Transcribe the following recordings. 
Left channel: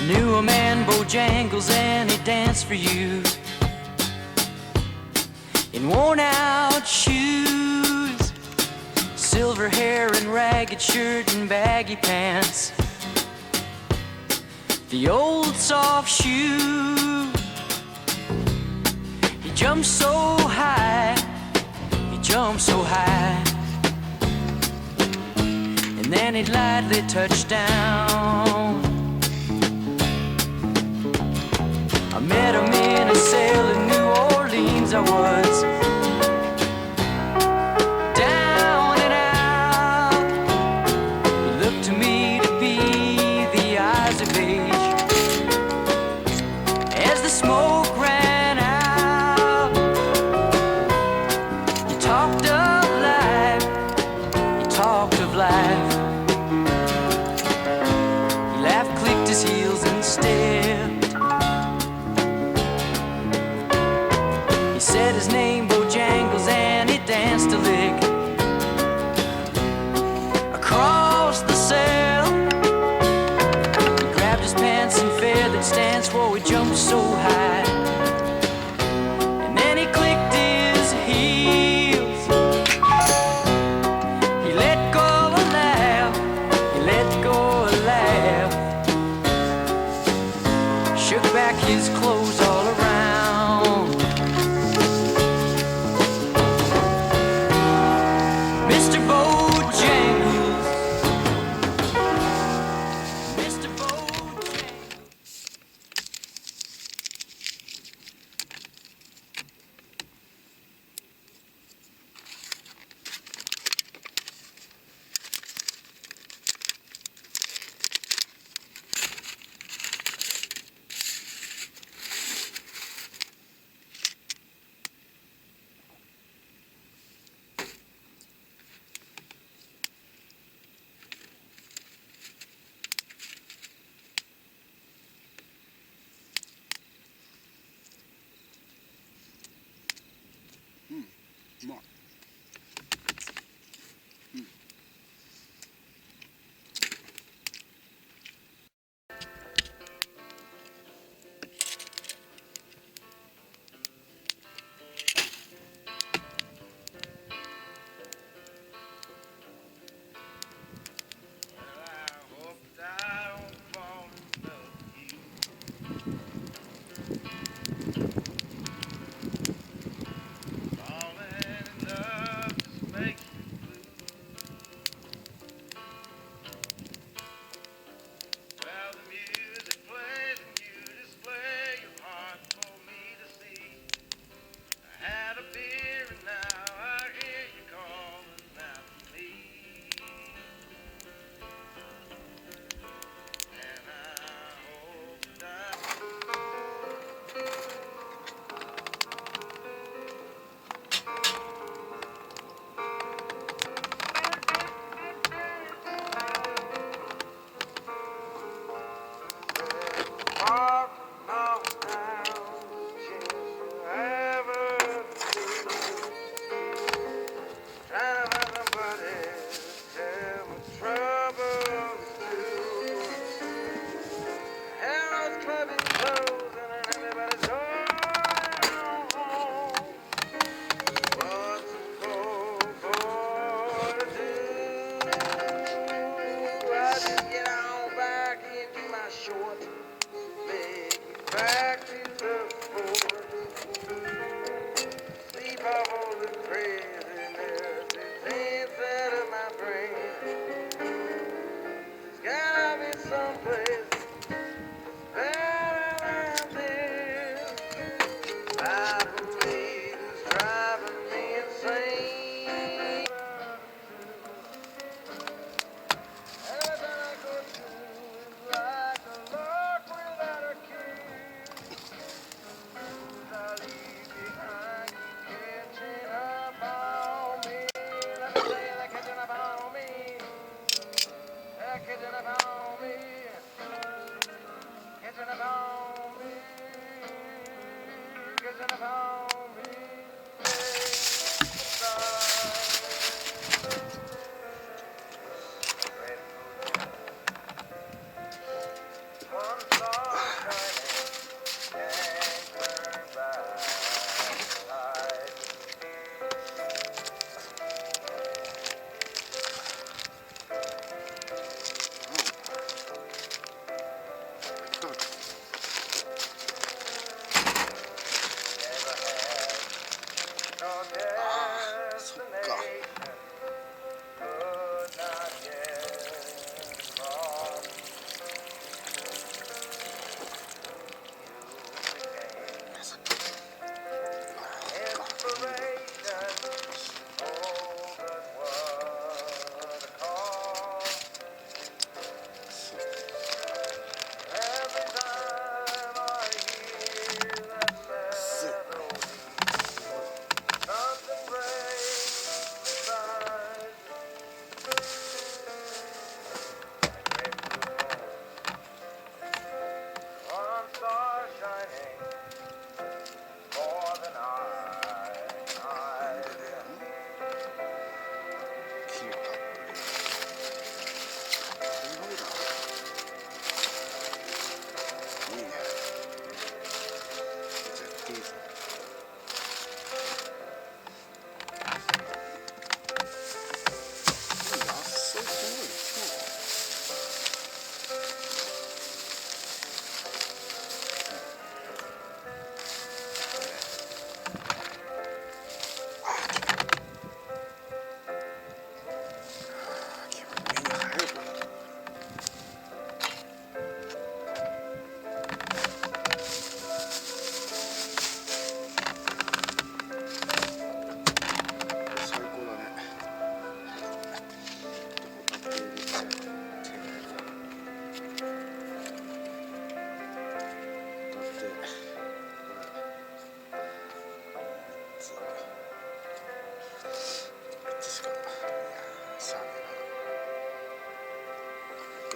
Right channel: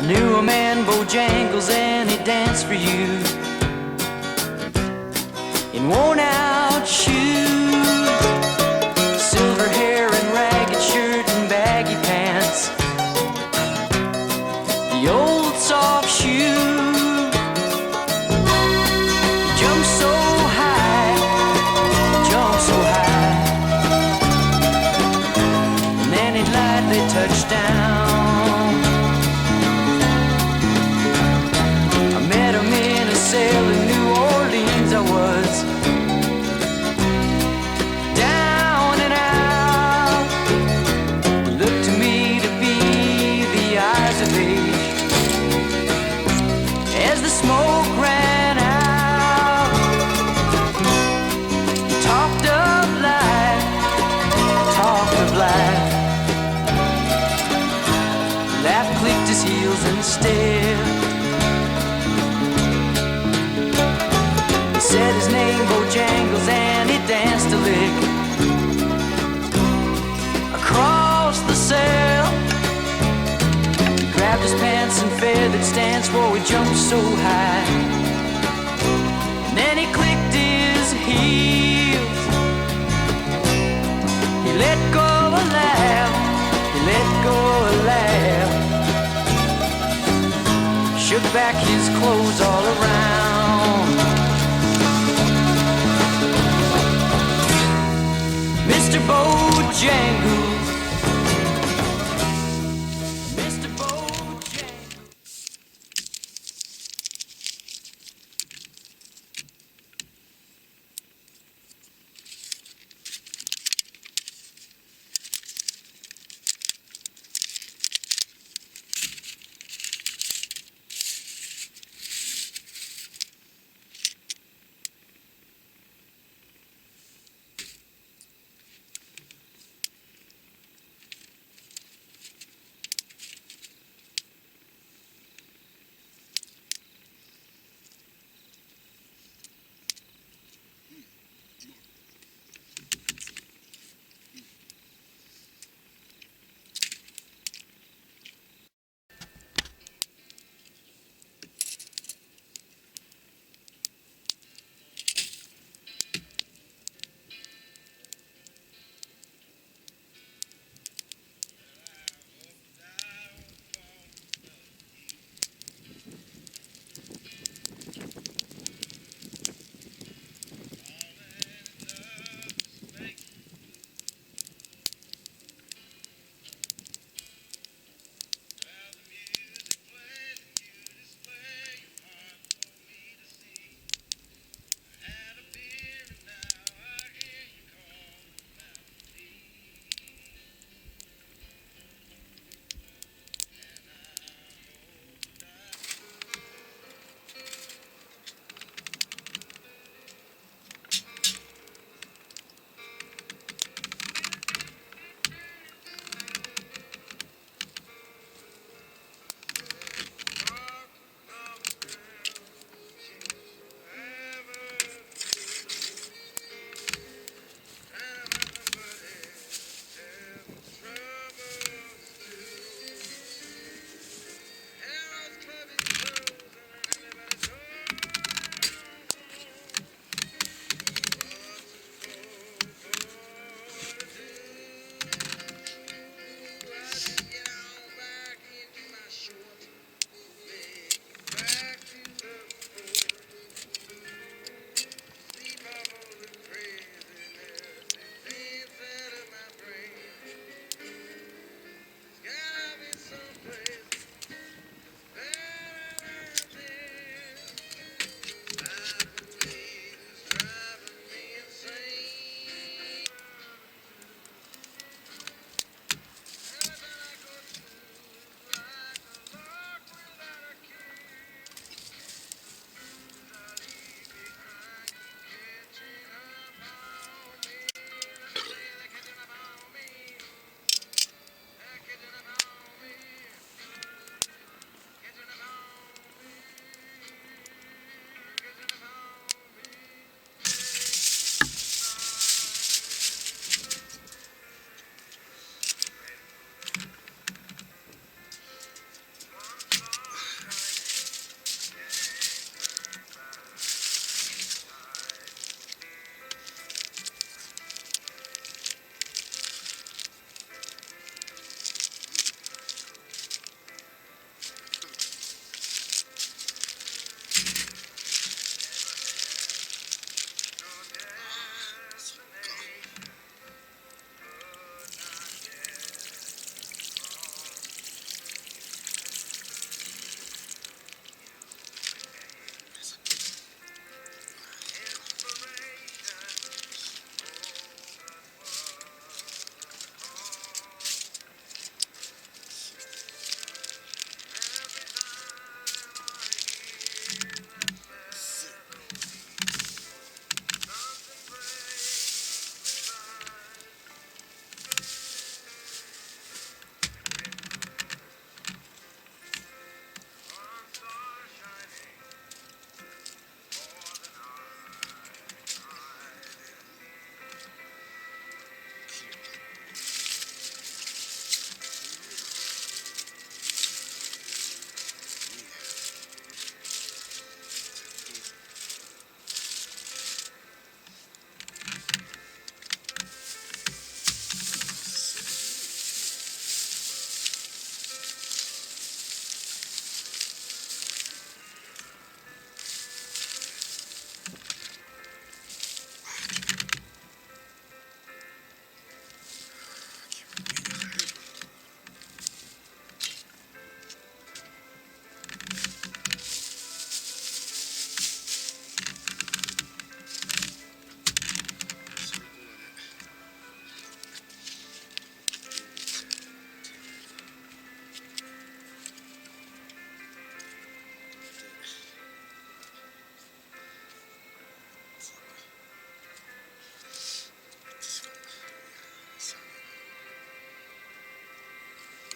I knew a man, Bojangles, and he danced for you in worn-out shoes, silver hair and ragged shirt and baggy pants, the old soft shoe. He jumped so high, jumped so high, and then he lightly touched down. I met him in a cell in New Orleans. I was down and out. He looked to me to be the eyes of age as the smoke ran out. He talked of life, he talked of life. He laughed, clicked his heels and stared. He said his name, Bojangles, and he danced a lick across the cell. He grabbed his pants and feathered stance, whoa, he jumped so high. And then he clicked his heels. He let go a laugh, he let go a laugh. Shook back his clothes all around. Mr. Bojangles, Mr. Bojangles.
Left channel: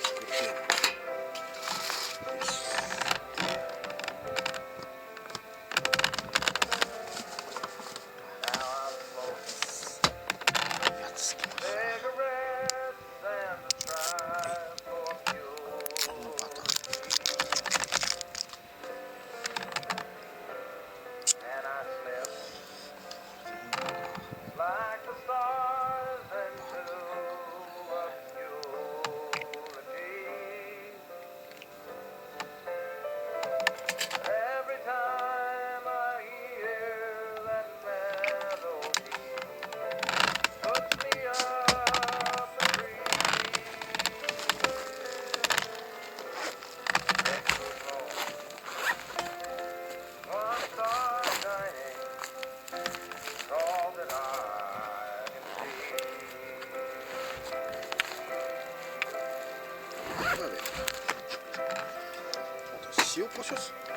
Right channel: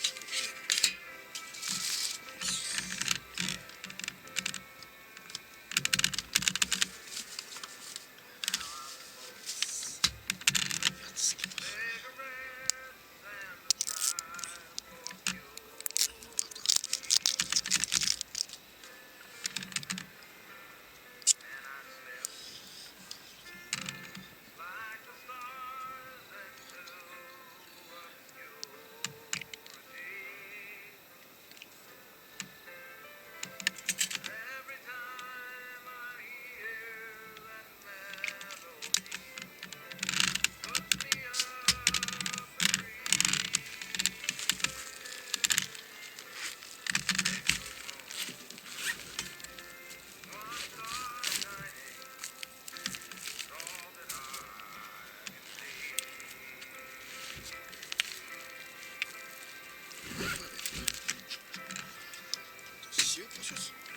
作ってよ。よし。やつつけます。バター。塩コショウっす。